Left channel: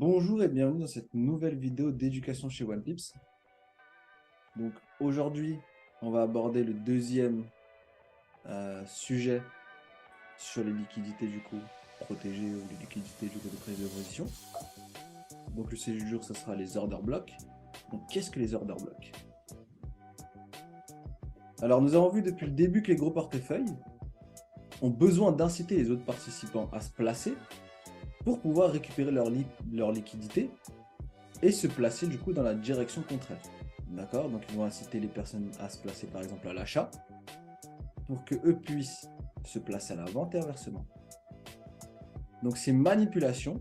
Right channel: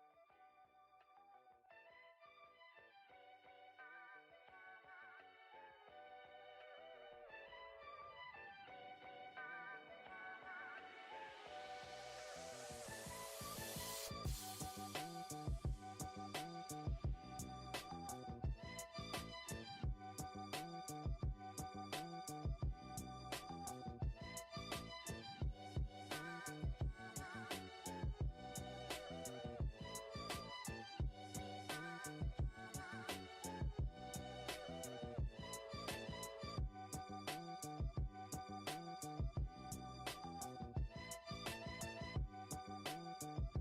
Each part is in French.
Bonjour et bienvenue dans cette nouvelle vidéo d'éducation chez OnePips. Donc aujourd'hui, on va aborder le deuxième sujet sur les liquidités du coup protégées, les liquidités du coup de prise de position. Donc le sujet du jour, ce sera les order blocks. Donc qu'est-ce que les order blocks? Alors nous avons vu depuis le début que les gros portefeuilles ont besoin d'inciter les autres participants à se placer pour pouvoir récupérer leur liquidité et se placer du coup dans la direction contraire. D'accord? Donc ils vont inciter les personnes à se placer par exemple à l'achat pour que eux puissent se placer à la vente et inversement. Donc ces manipulations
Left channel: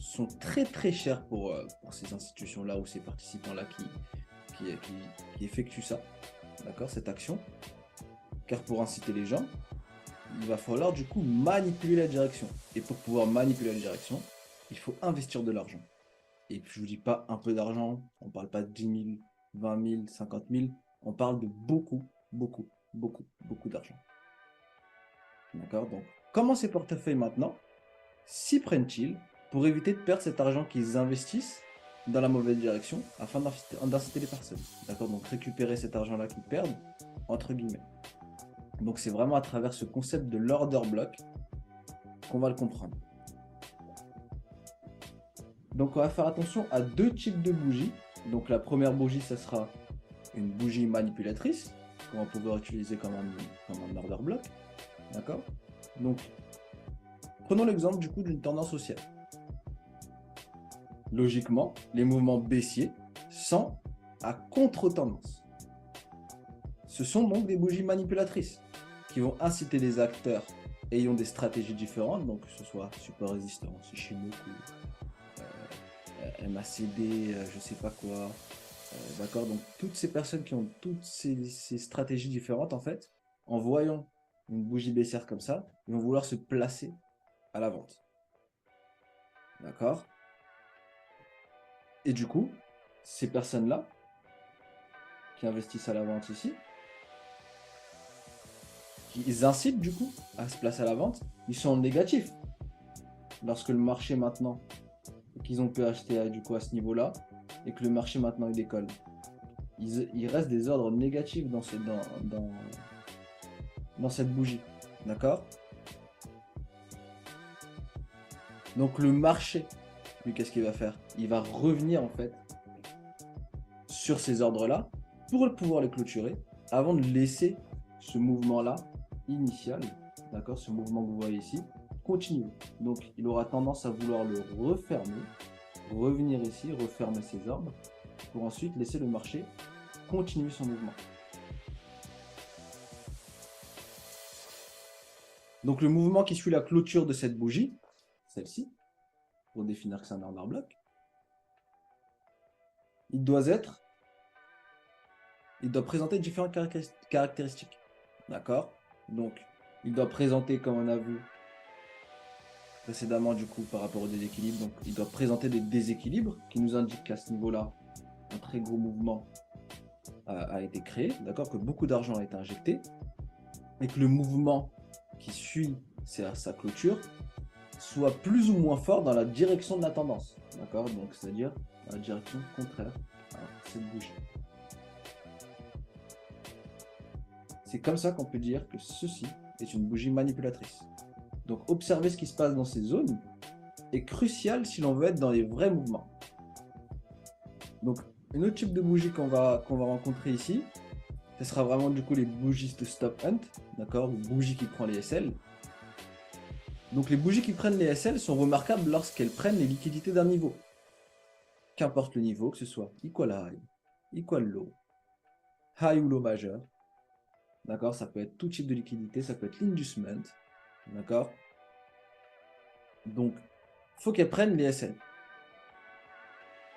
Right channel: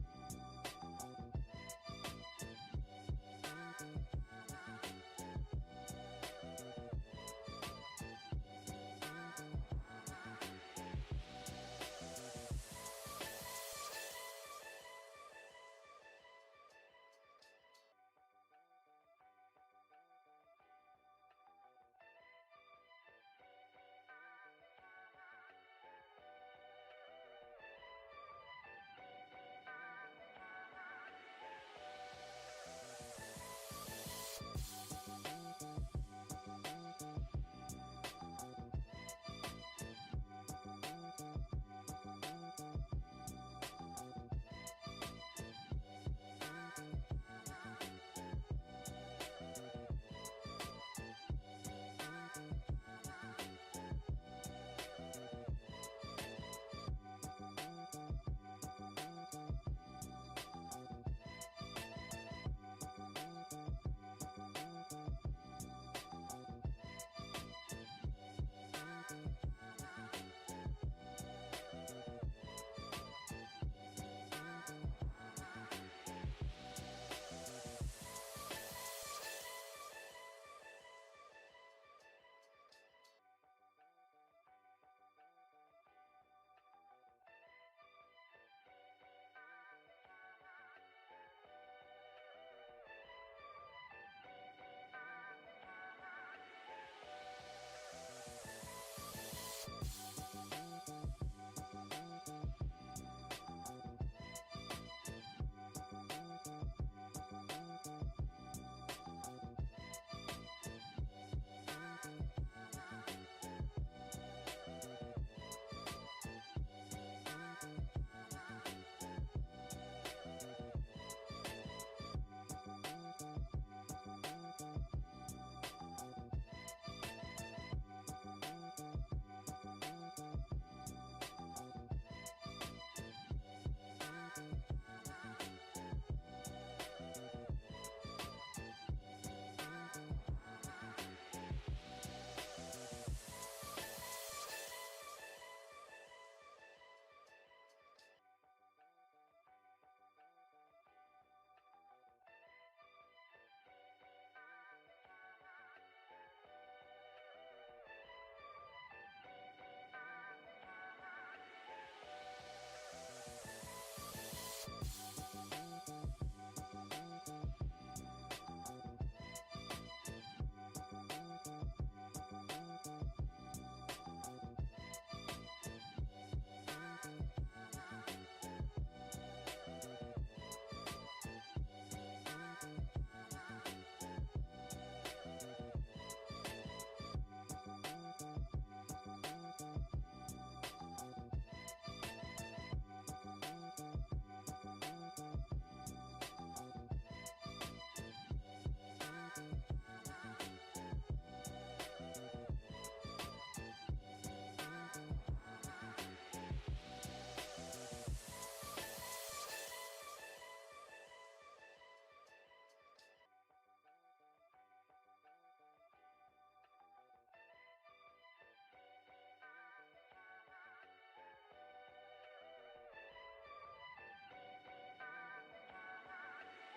sont très chères pour ces institutions-là ou ces participants-là qui effectuent ça, d'accord, cette action. Car pour inciter les gens, il va falloir du coup manipuler la direction. Et pour pouvoir manipuler la direction, il faut investir de l'argent. Et puis je vous dis pas un peu d'argent, on parle pas de 10 000, 20 000, 50 000, on parle de beaucoup d'argent. D'accord? Donc, comment ces portefeuilles maintenant s'y prennent-ils pour éviter de perdre cet argent qu'ils investissent dans la mauvaise direction afin d'inciter les personnes? D'accord? Donc, récupérer cet argent-là qu'ils perdent, entre guillemets. Donc, c'est vraiment à travers ce concept de l'order block qu'on va le comprendre. Donc on va faire attention à deux types de bougies. Donc la première bougie, ça sera une bougie manipulatrice qu'on va pouvoir utiliser comme un order block. D'accord? Donc prenons l'exemple du coup d'une tendance haussière. Logiquement, les mouvements baissiers sont à contre-tendance. Ce sont donc des bougies manipulatrices qui vont inciter les acteurs ayant des stratégies différentes, donc que ce soit support résistance, Ishimoku, MACD, je sais pas quoi. D'accord, donc toutes ces personnes qui ont toutes ces stratégies différentes, en fait, en voyant une bougie baissière comme ça, ils vont vouloir se placer à la vente. D'accord? Et du coup, ces personnes-là, qui investissent à la vente ici, ils incitent du coup à se placer à la vente, ils sont négatifs. Lorsque le marché maintenant, qu'ils ont pu acheter du coup à ce niveau-là, et que le marché maintenant il décolle, il reste des ordres négatifs dans cette bougie. D'accord? Donc le marché, lui, qu'est-ce qu'il va faire? Il va revenir en fait sur ces ordres-là pour pouvoir les clôturer avant de laisser ce mouvement-là initial, d'accord, ce mouvement que vous voyez ici, continuer. Donc il aura tendance à vouloir le refermer, revenir ici, refermer ses ordres, pour ensuite laisser le marché continuer son mouvement. Donc le mouvement qui suit la clôture de cette bougie, celle-ci, pour définir que c'est un order block, il doit présenter différentes caractéristiques. D'accord? Donc, il doit présenter, comme on a vu précédemment, du coup, par rapport au déséquilibre, donc il doit présenter des déséquilibres qui nous indiquent qu'à ce niveau-là, un très gros mouvement a été créé, d'accord? Que beaucoup d'argent a été injecté, et que le mouvement qui suit sa clôture soit plus ou moins fort dans la direction de la tendance, d'accord? Donc, c'est-à-dire dans la direction contraire à cette bougie. C'est comme ça qu'on peut dire que ceci est une bougie manipulatrice. Donc observer ce qui se passe dans ces zones est crucial si l'on veut être dans les vrais mouvements. Donc une autre type de bougie qu'on va rencontrer ici, ce sera vraiment du coup les bougies de stop hunt, d'accord, ou bougies qui prennent les SL. Donc les bougies qui prennent les SL sont remarquables lorsqu'elles prennent les liquidités d'un niveau. Qu'importe le niveau, que ce soit equal high, equal low, high ou low majeur, d'accord, ça peut être tout type de liquidité, ça peut être l'inducement, d'accord. Donc, il faut qu'elles prennent les SL.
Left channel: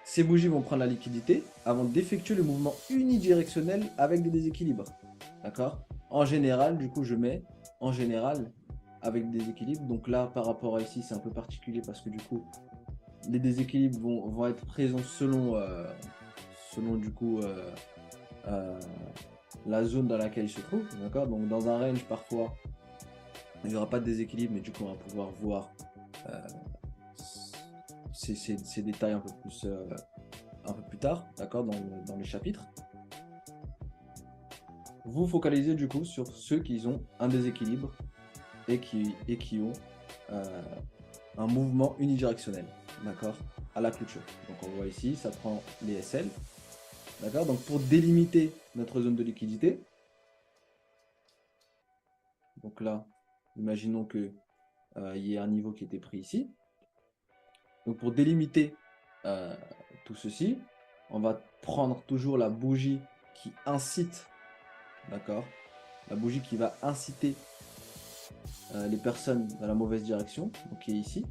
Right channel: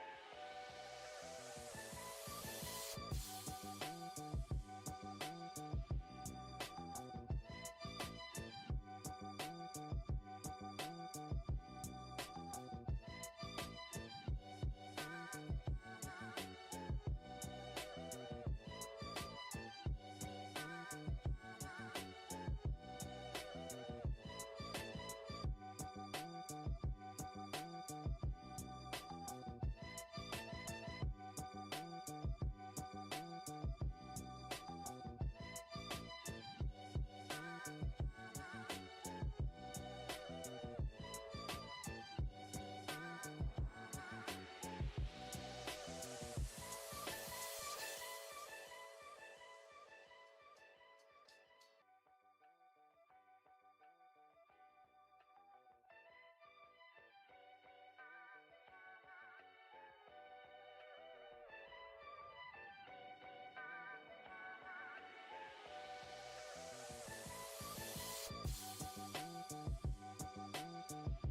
Ces bougies vont prendre la liquidité avant d'effectuer le mouvement unidirectionnel avec des déséquilibres. D'accord? En général, du coup, je mets en général avec des déséquilibres. Donc là, par rapport à ici, c'est un peu particulier parce que du coup, les déséquilibres vont être présents selon du coup la zone dans laquelle ils se trouvent. D'accord? Donc dans un range, parfois, il n'y aura pas de déséquilibre, mais du coup, on va pouvoir voir ces détails un peu plus tard, d'accord, dans les chapitres. Vous focalisez du coup sur ceux qui ont un déséquilibre et qui ont un mouvement unidirectionnel, d'accord, à la clôture. Donc on voit ici, ça prend les SL, d'accord. Donc pour délimiter notre zone de liquidité, donc là, imaginons que il y ait un niveau qui était pris ici. Donc pour délimiter tout ceci, on va prendre toujours la bougie qui incite, d'accord, la bougie qui va inciter les personnes dans la mauvaise direction, donc qui est ici.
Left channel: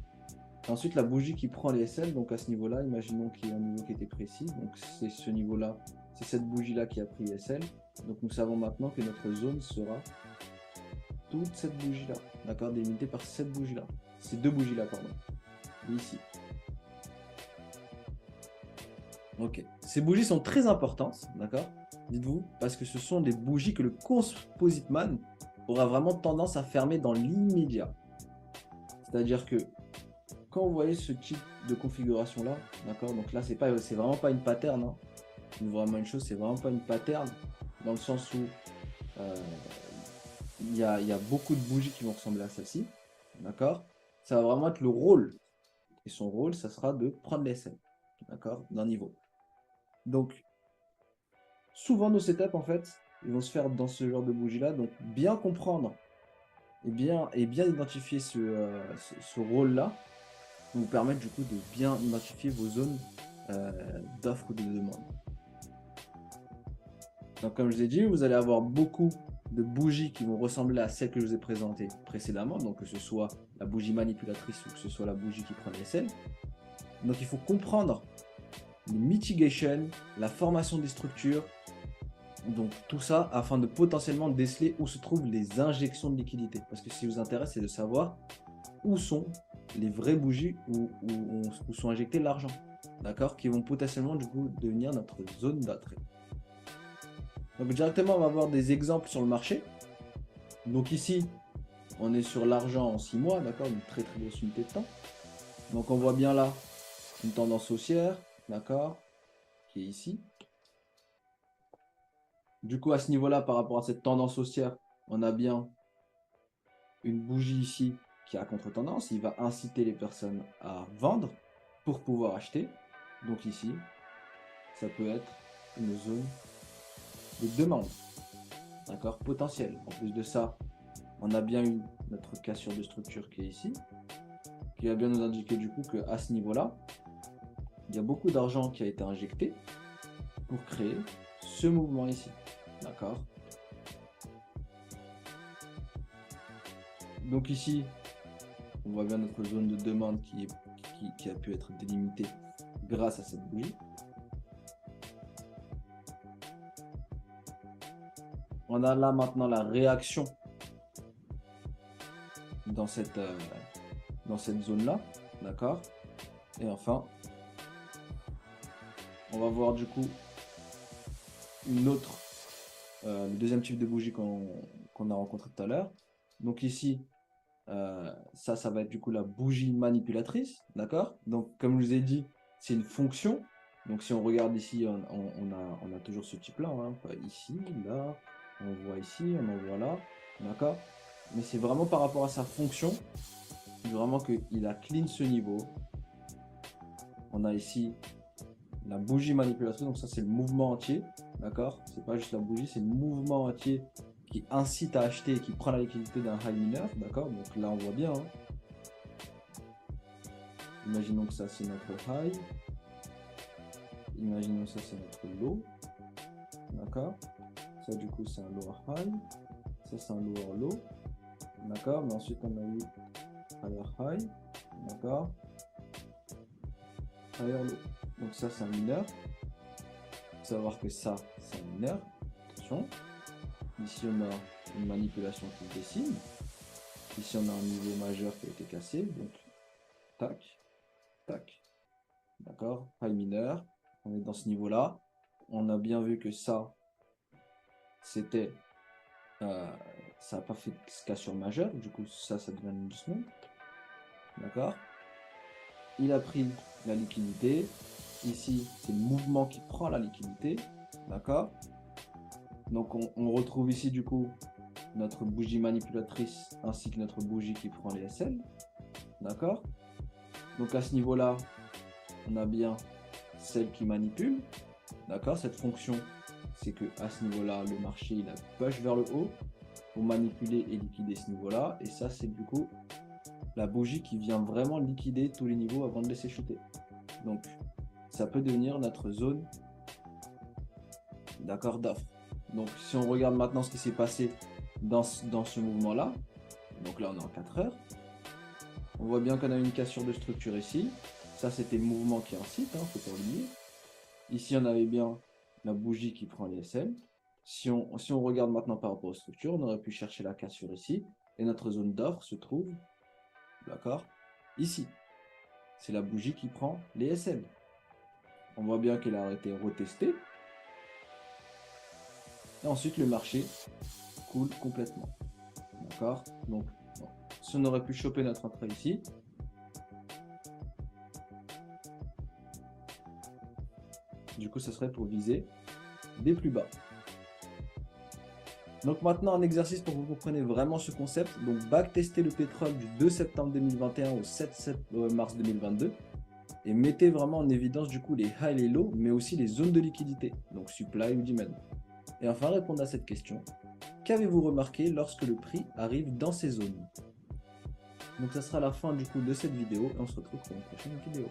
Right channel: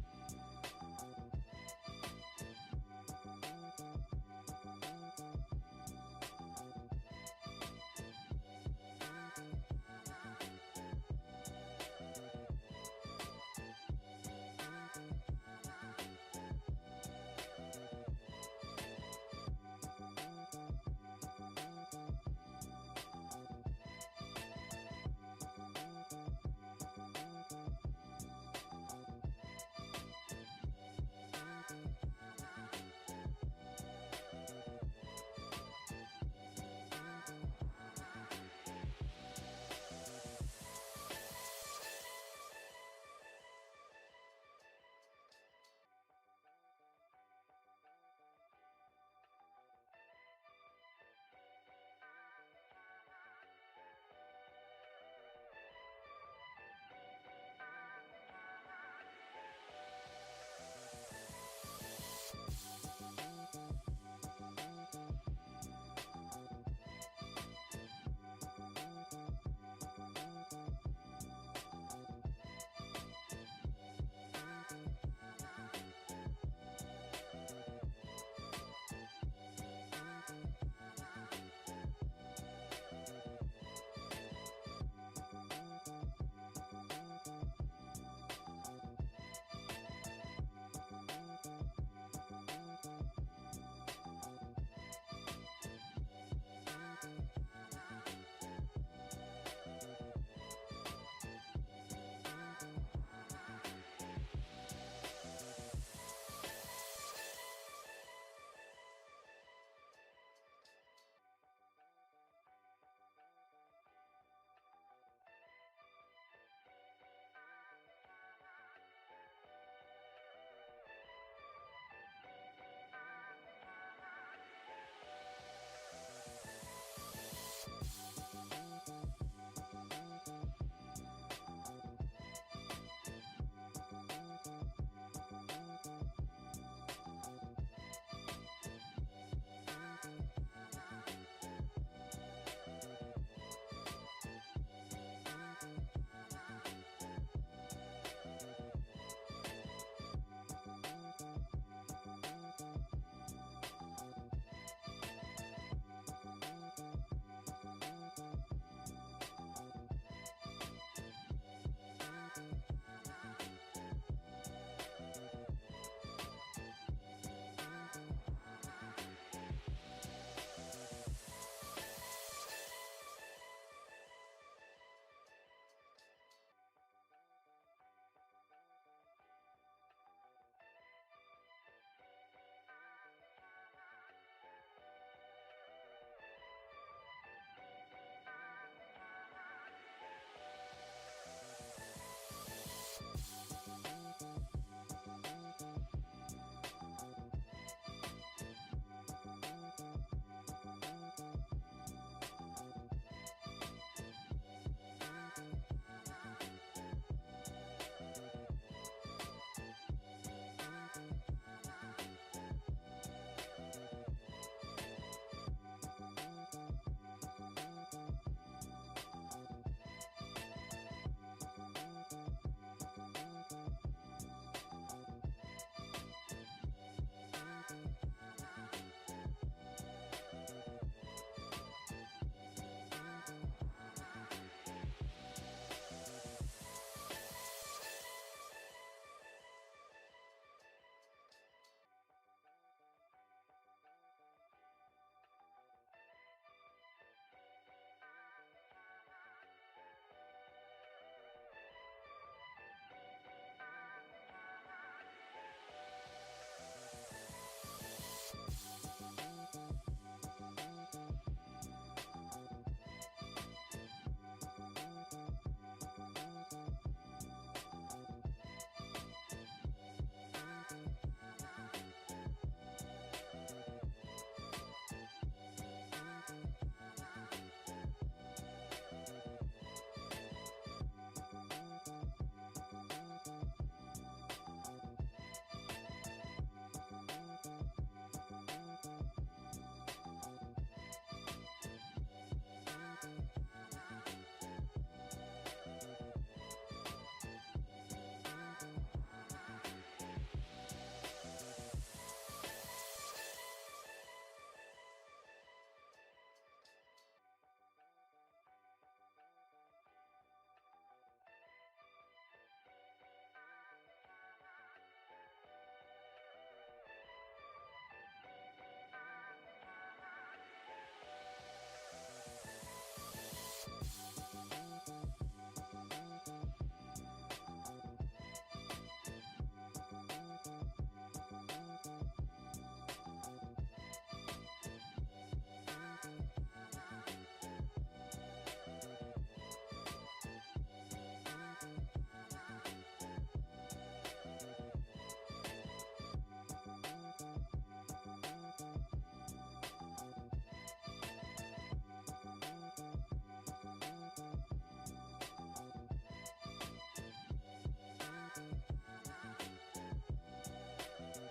Ensuite, la bougie qui prend les SL, donc à ce niveau-là, imaginons qu'il y a un niveau qui était précis, donc c'est ce niveau-là, c'est cette bougie-là qui a pris les SL. Donc nous savons maintenant que notre zone sera toute cette bougie-là, d'accord, délimitée par cette bougie-là, ces deux bougies-là, pardon, ici. Ok, ces bougies sont très importantes, d'accord, dites-vous, parce que ce sont des bougies que le composite man aura vraiment tendance à fermer dans l'immédiat. C'est-à-dire que quand vous voyez ce type de configuration là, d'accord, donc là c'est vraiment pas une pattern, hein. Vraiment une chose, c'est vraiment pas une pattern, dans le sens où il y a beaucoup de bougies qui vont ressembler à celle-ci, d'accord. Ça va vraiment être le rôle, et son rôle, ça sera de prendre les SL, d'accord, d'un niveau. Donc, souvent nos setups, en fait, ils vont se faire dans ce genre de bougie-là, donc bien comprendre et bien identifier ce rôle-là, vous permettre du coup de bien identifier vos zones d'offres ou de demande. Donc comme je l'ai dit, vous allez avoir beaucoup de bougies qui vont ressembler à celles que je vous ai présentées précédemment, donc que ce soit la bougie manipulatrice ou que ce soit la bougie qui prend les SL. Donc il faut comprendre le mitigation, la formation des structures, donc tout ça afin de potentiellement déceler où se trouvent les injections de liquidité. Parce que ce qui vous intéresse, c'est de savoir où sont les vraies bougies où sont injectés l'argent, d'accord, qui vont potentiellement du coup devenir notre zone d'attrait. Donc directement, on va voir des exemples sur le marché. Donc ici, on est sur l'argent en 6 mois, d'accord, une très très grosse unité de temps. Donc on voit bien là une tendance haussière, d'accord, qui est ici. Du coup, à ce niveau-là, par rapport à cette tendance haussière, on a bien une bougie ici qui a contre-tendance. Il va inciter les personnes à vendre pour pouvoir acheter. Donc ici, ça peut être une zone de demande, d'accord, potentielle. En plus de ça, on a bien eu notre cassure de structure qui est ici, qui va bien nous indiquer du coup qu'à ce niveau-là, il y a beaucoup d'argent qui a été injecté pour créer ce mouvement ici, d'accord. Donc ici, on voit bien notre zone de demande qui a pu être délimitée grâce à cette bougie. On a là maintenant la réaction dans cette zone-là, d'accord. Et enfin, on va voir du coup le deuxième type de bougie qu'on a rencontré tout à l'heure. Donc ici, ça va être du coup la bougie manipulatrice, d'accord. Donc comme je vous ai dit, c'est une fonction. Donc si on regarde ici, on a toujours ce type là, hein. Ici, là, on voit ici, on en voit là, d'accord. Mais c'est vraiment par rapport à sa fonction, vraiment qu'il a clean ce niveau. On a ici la bougie manipulatrice, donc ça c'est le mouvement entier, d'accord. C'est pas juste la bougie, c'est le mouvement entier qui incite à acheter et qui prend la liquidité d'un high mineur, d'accord. Donc là on voit bien, hein. Imaginons que ça c'est notre high, imaginons que ça c'est notre low, d'accord. Ça du coup c'est un lower high, ça c'est un lower low, d'accord. Mais ensuite on a eu higher high, d'accord, higher low. Donc ça c'est un mineur. Il faut savoir que ça c'est un mineur. Attention. Ici on a une manipulation qui dessine. Ici on a un niveau majeur qui a été cassé. Donc tac, tac. D'accord, high mineur. On est dans ce niveau-là. On a bien vu que ça, c'était... ça n'a pas fait cassure majeure. Du coup, ça devient une doucement. D'accord. Il a pris la liquidité. Ici, c'est le mouvement qui prend la liquidité. D'accord? Donc, on retrouve ici, du coup, notre bougie manipulatrice ainsi que notre bougie qui prend les SL. D'accord? Donc, à ce niveau-là, on a bien celle qui manipule. D'accord? Cette fonction, c'est que à ce niveau-là, le marché, il a push vers le haut pour manipuler et liquider ce niveau-là. Et ça, c'est du coup la bougie qui vient vraiment liquider tous les niveaux avant de laisser chuter. Donc, ça peut devenir notre zone, d'accord, d'offre. Donc, si on regarde maintenant ce qui s'est passé dans ce mouvement-là, donc là, on est en 4 heures. On voit bien qu'on a une cassure de structure ici. Ça, c'était le mouvement qui incite, hein, faut pas oublier. Ici, on avait bien la bougie qui prend les SL. Si on regarde maintenant par rapport aux structures, on aurait pu chercher la cassure ici. Et notre zone d'offre se trouve, d'accord, ici. C'est la bougie qui prend les SL. On voit bien qu'elle a été retestée. Et ensuite, le marché coule complètement. D'accord? Donc, si on aurait pu choper notre entrée ici, du coup, ce serait pour viser des plus bas. Donc maintenant, un exercice pour que vous compreniez vraiment ce concept. Donc, backtester le pétrole du 2 septembre 2021 au 7 mars 2022. Et mettez vraiment en évidence du coup les highs et les lows, mais aussi les zones de liquidité, donc supply et demand. Et enfin, répondre à cette question. Qu'avez-vous remarqué lorsque le prix arrive dans ces zones? Donc ça sera la fin du coup de cette vidéo et on se retrouve pour une prochaine vidéo.